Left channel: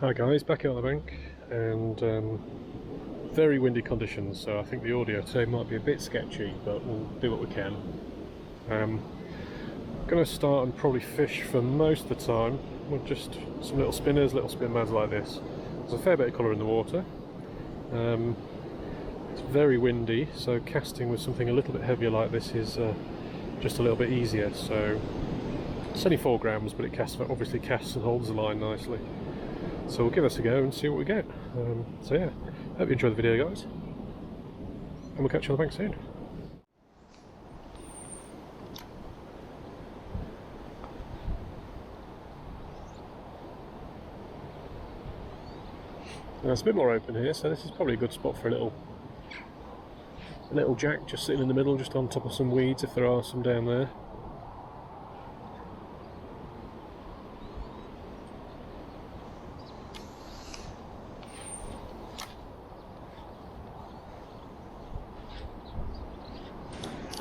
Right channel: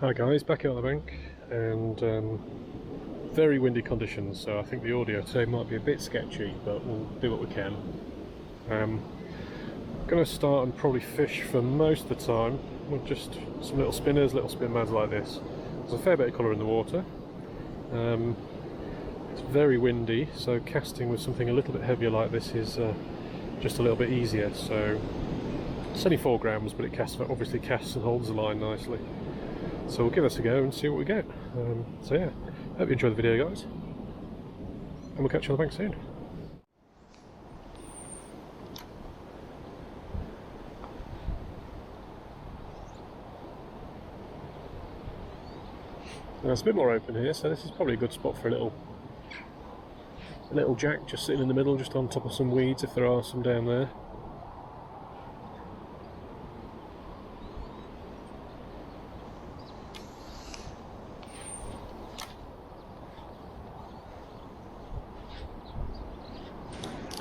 Hi guys, back out on the bank, and very windy conditions, so I think the audio today might be a bit sketchy, but we'll do what we can. Going to start and probably fish for most of the time with just some little spinners, little SpinMads like this. There's a fair bit of colour in the water. It's very windy, so casting with something a little bit heavier like this is just a little bit easier. So it's only 4 grams, but it obviously casts and holds the line nicely. So we'll give this a go and see what we get. So yeah, hope you enjoy the video guys, and we'll catch you on the bank soon. Now it's a bit more open here, so this is probably a good spot for a little jack just sitting in the middle, just on top of some weeds if there are some down there.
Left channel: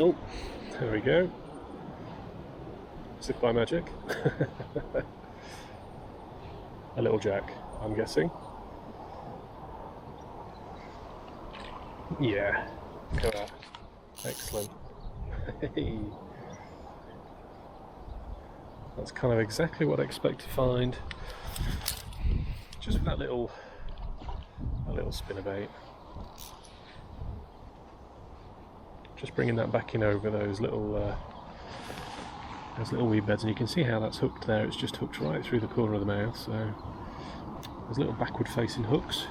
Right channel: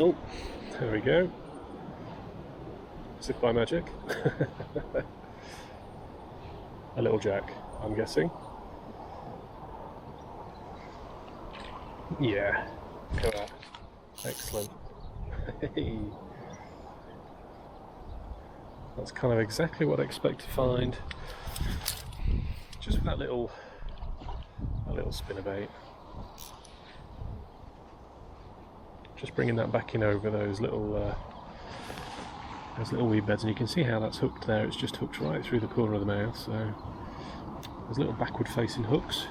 Oh, there we go. As if by magic. A little jack, I'm guessing. Yeah, look at that. Excellent. That's kind of exactly what I expect to find. Just with that little spinnerbait. Just bringing that back in over those little weed beds, and you can see how that's hooked there. It's just hooked right through the corner of the mouth, so there's little backward facing hooks.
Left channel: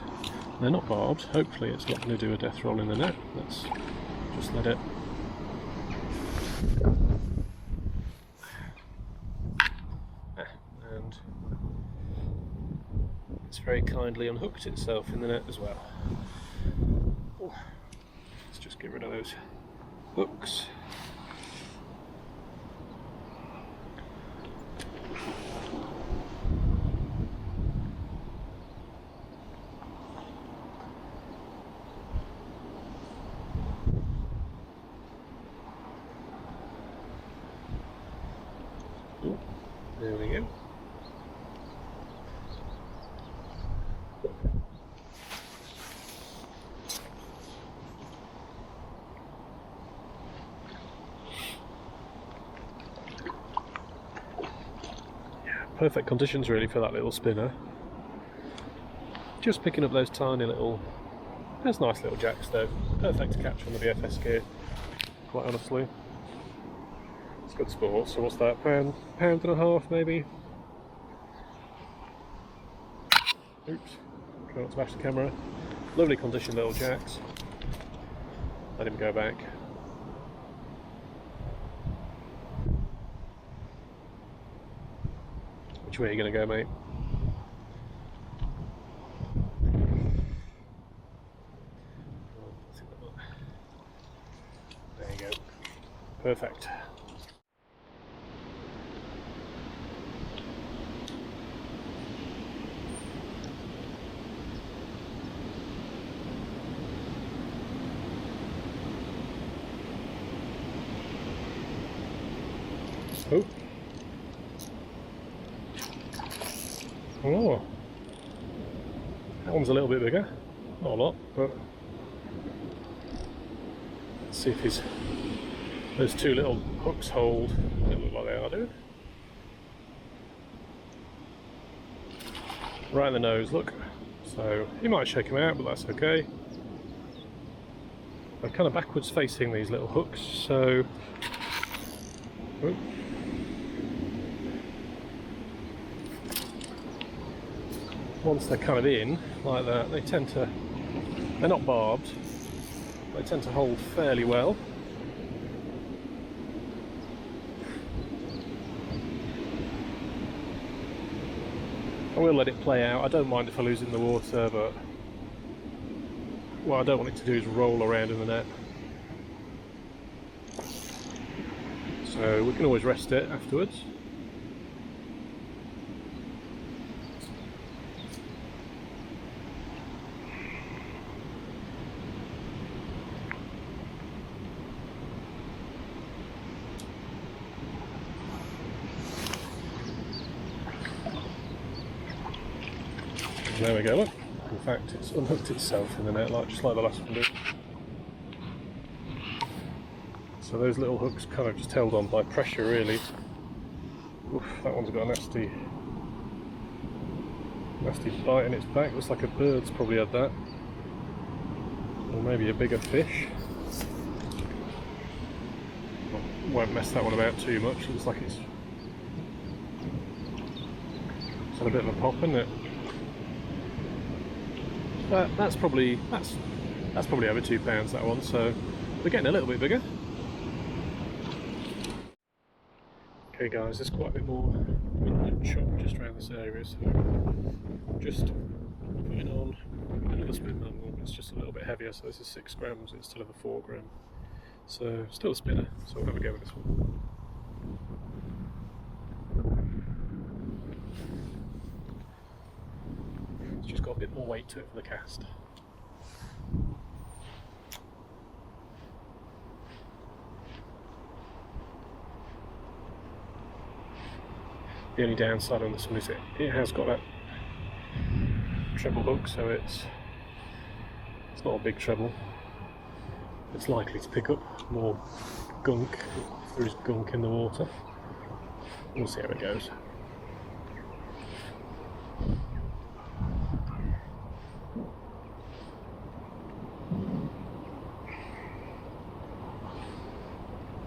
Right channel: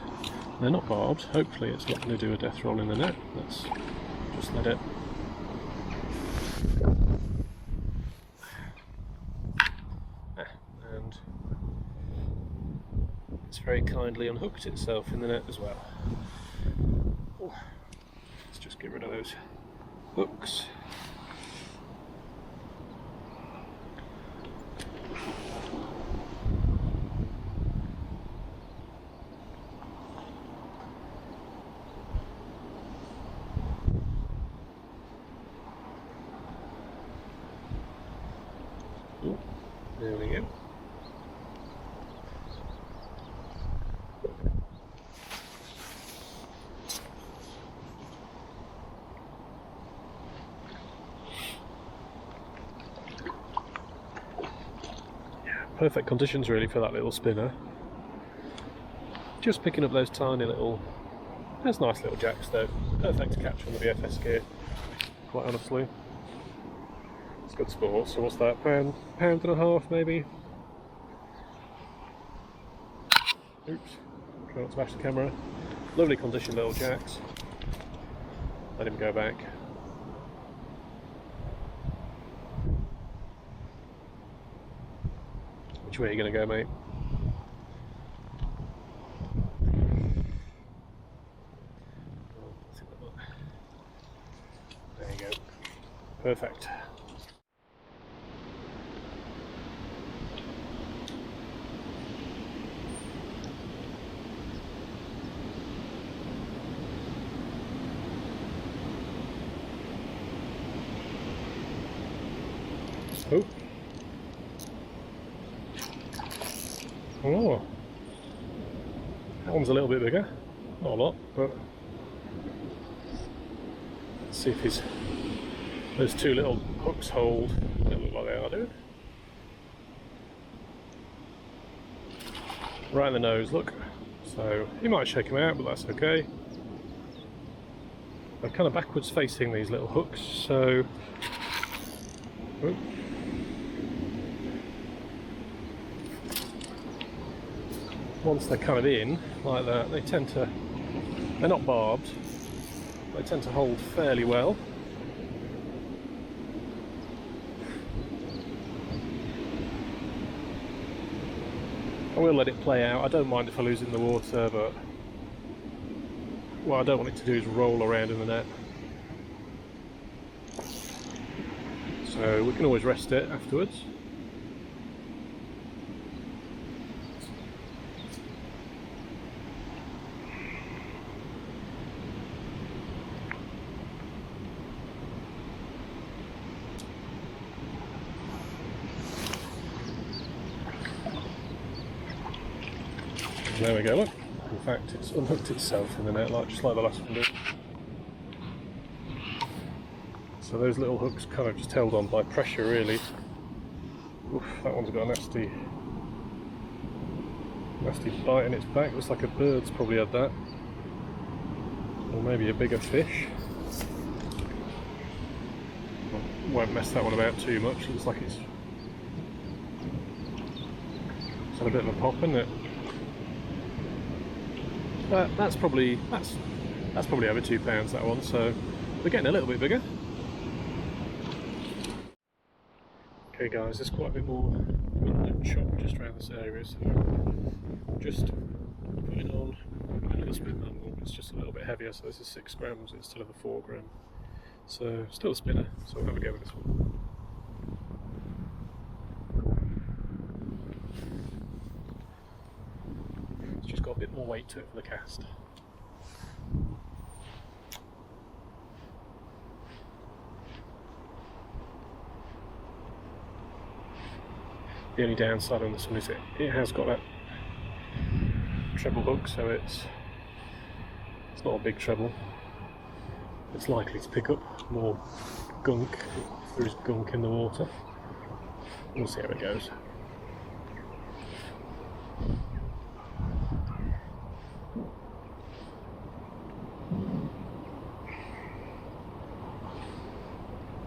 They're not barbed. Hopefully it's not going to do a death roll in the net. Let's just let it. And it's very kindly unhooked itself in the net as well. Ooh. Let's just get rid of those hooks. Ooh, there we go. Perfect conditions really for that little spinner. Just picking up those tiny little, those nice little jacks though. Perfect to catch on the BFS gear, quite honestly. It's good sport. So what's that, pound and a half maybe? Oops, try not to bash the camera. Lovely condition little jacks. Let him go back. Which way are you going to go, mate? There you go. Perfect. Oh. Oh, that one's a little bit bigger, not a lot, but let's see if those 2 little hooks hold. They don't look like they are doing. Right in the nose, look. So you might shake them out, but that's okay. They're kind of backwards facing, these little hooks, so. Oh. Once they're kind of in like that, they're not barbed, they tend to hold fairly well. I will let it play out. I don't mind if I lose it in the water, but what I don't want it to do is roll around in the net. So we can always rest it afterwards. There we go, look. In fact, it's unhooked itself in the net, just like the last one did. So those little hooks kind of just held on by pressure, really. Oof, that one's got a nasty bite in its back. Looks like a bird's probably had that. Or maybe a bigger fish. Won't mess that one about too much. Looks like it's had a bit of a pop, isn't it? That's probably over £2, that one, so we're getting a little bit bigger. Okay guys, there's quite a bit more wind chop just around this area, so I'm just putting on a little SpinMad. It's just a little bit heavier, so this is 6 grams instead of a 4 gram. So still a spinner, so we'll have a go with this one. It's just got a bit more weight to it for the cast. The only downside on this one is it has got that treble hook, so it's not a big treble. It's likely to pick up more gunk if there is gunk in the water. We'll see how it goes.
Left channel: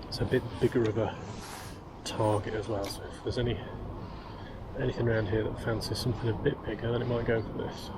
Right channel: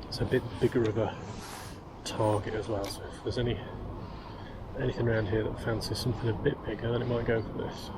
It's a bit bigger of a target as well, so if there's anything around here that fancies something a bit bigger, then it might go for this.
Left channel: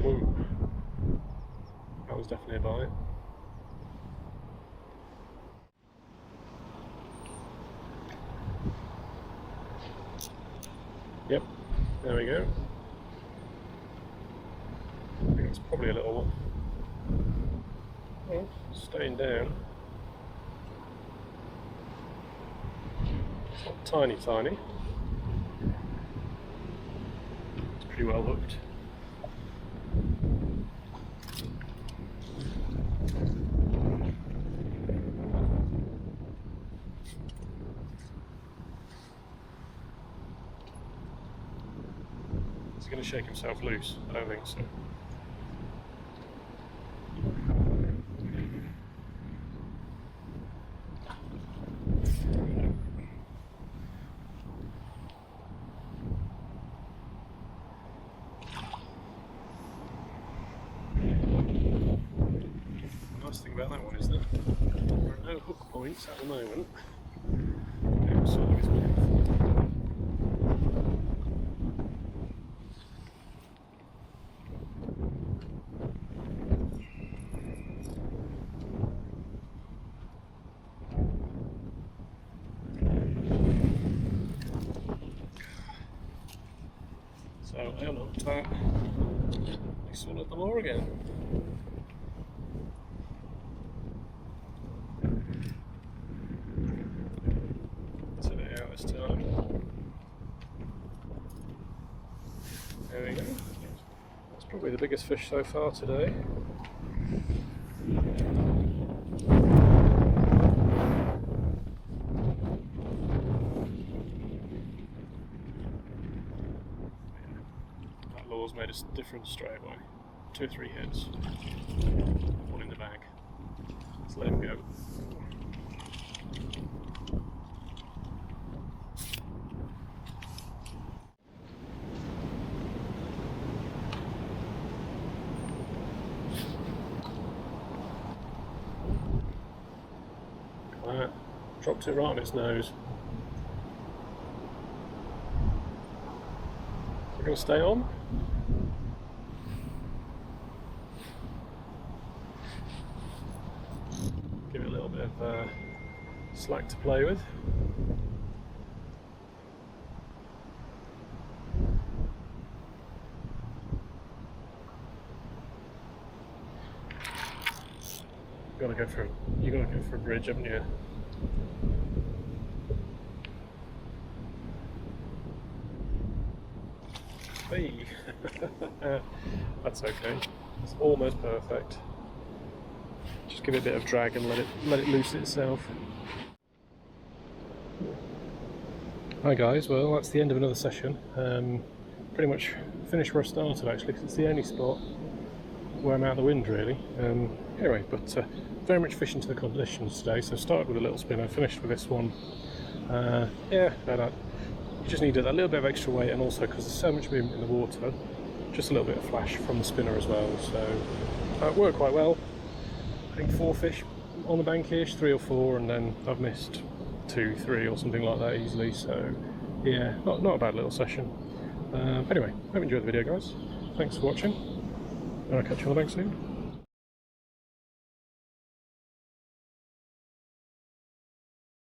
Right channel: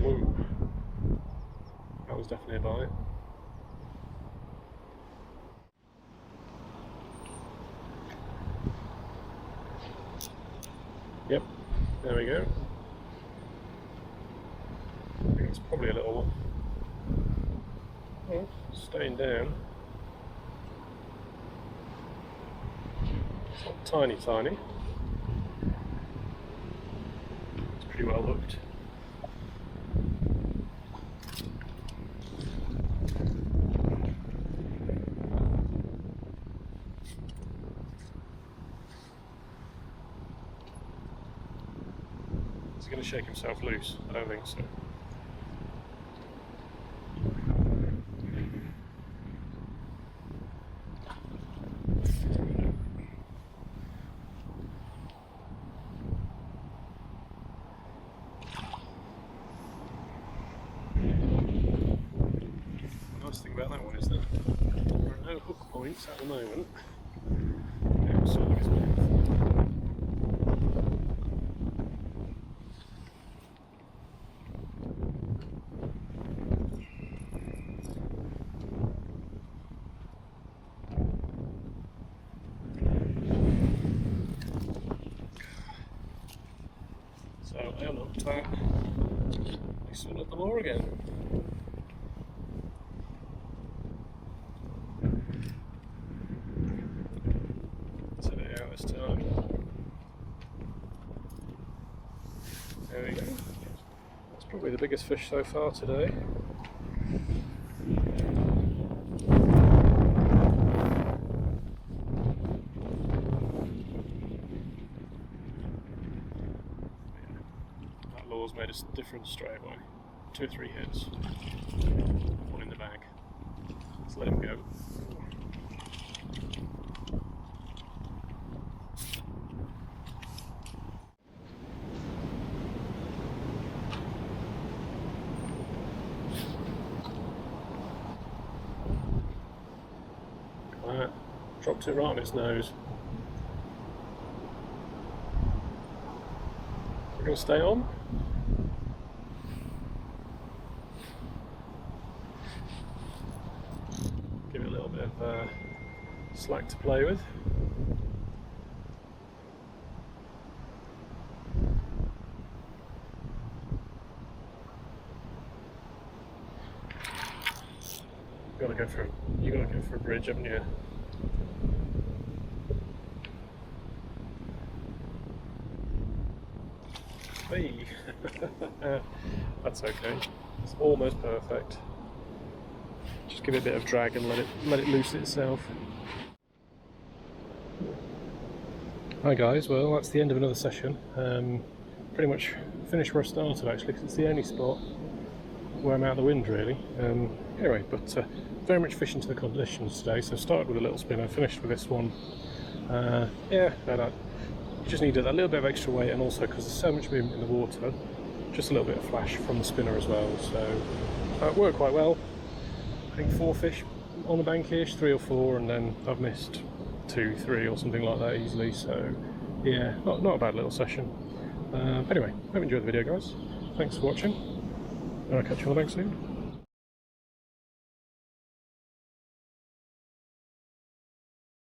Whoa, that was definitely a bite. Yep, there we go. I think it's probably a little one. Oh, staying down. It's not tiny. It's pretty well hooked. Is he going to shake himself loose? I don't think so. The nice thing about that one is that there are no hook points at the moment outside of his mouth. So I unhooked that. I swung at them all again. Set it out this time. There we go. That's probably the biggest fish so far today. Made a difference straight away. 2 or 3 hits. One in the bag. Let's let him go. Dropped it right on its nose. will stay on. Give it a little bit of slack to play with. You gotta go for a bridge, haven't you? Hey, that's okay. It's almost perfect. Just give it a bit of drag and let it loose itself. Hi guys, well that's the end of another session. Pretty much finished where I started actually, because it's the only spot where I'm out of the wind really. Anyway, but very much fishing to the conditions today. So started with a little spinner, finished with this one. Yeah, you just need a little bit of extra weight, and also because there's so much movement in the water, just a little bit of flash from the spinner as well. So it worked quite well. I think 4 fish on the bankish, 3 or 4, and then I've missed 2, 3 or something like that easily. So yeah, not a bad little session. Anyway, hope you enjoyed the video guys. Thanks for watching, and I'll catch you on the bank soon.